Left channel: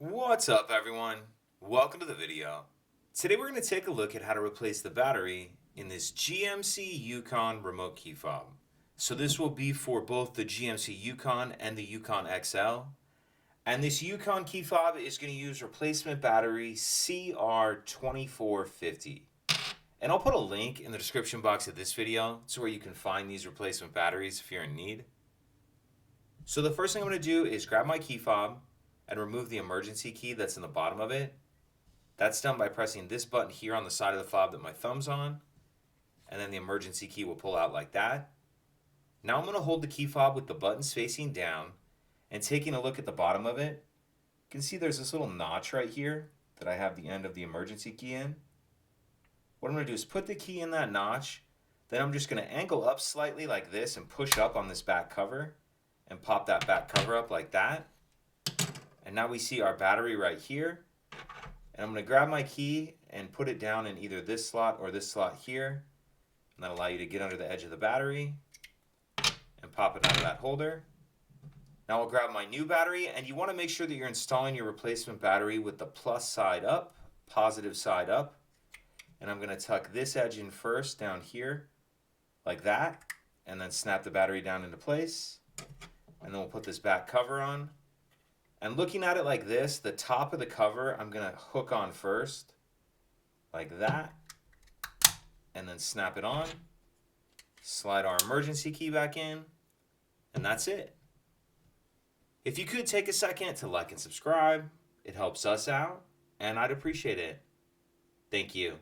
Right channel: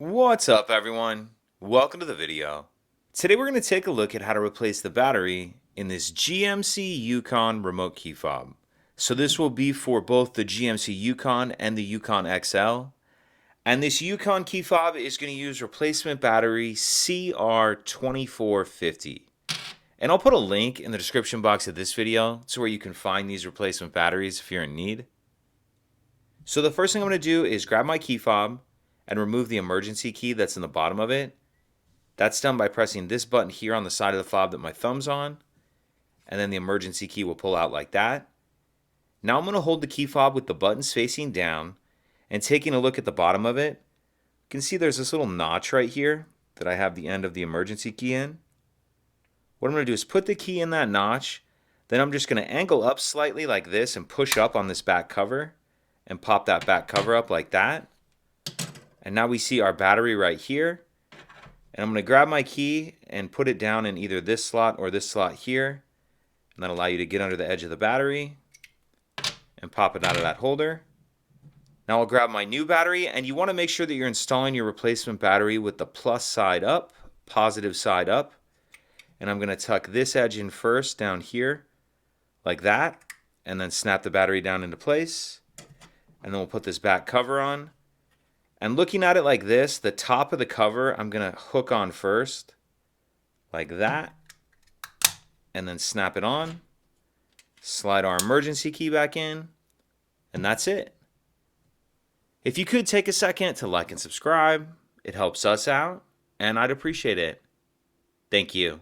What's up, everyone? Welcome to the video. Today we're going to take a look at how to replace the battery in this GMC Yukon remote key fob. So this will be for both the GMC Yukon and the Yukon XL. And this Yukon key fob is going to use replacement battery CR2450. And I'll put a link in the description box of this video to where you can find these replacement batteries if you're in need. So the first thing I'm going to do is grab my key fob and remove the emergency key that's in the bottom of it. That's done by pressing this button here on the side of the fob that my thumb's on, and then the emergency key will pull out like that. Now I'm going to hold the key fob with the buttons facing down and taking a look at the bottom of it. You can see there's this little notch right here that I have the end of the emergency key in. What I'm going to do is put the key in that notch, then I'm just going to angle up slightly like this and push up on this back cover and pop that back cover up like that. And now we see our battery right here. And I'm going to grab my key and put it down in either this slot or this slot here. And that'll allow you to get under the edge of the battery and pop it out of that holder. Now I'll grab my new battery, and you want to make sure that you're installing your replacement battery with the plus side up, positive side up. And I'm going to tuck this edge in first down here like that, and then snap the battery down into place. And then we'll put this back cover on. And looking at it like this, the top of the cover I'm going to hook on first, like that, and then snap it on, slide our emergency key back in, and that's it. If you could take a second to like and subscribe, it helps us out, and I'd appreciate it. Thank you.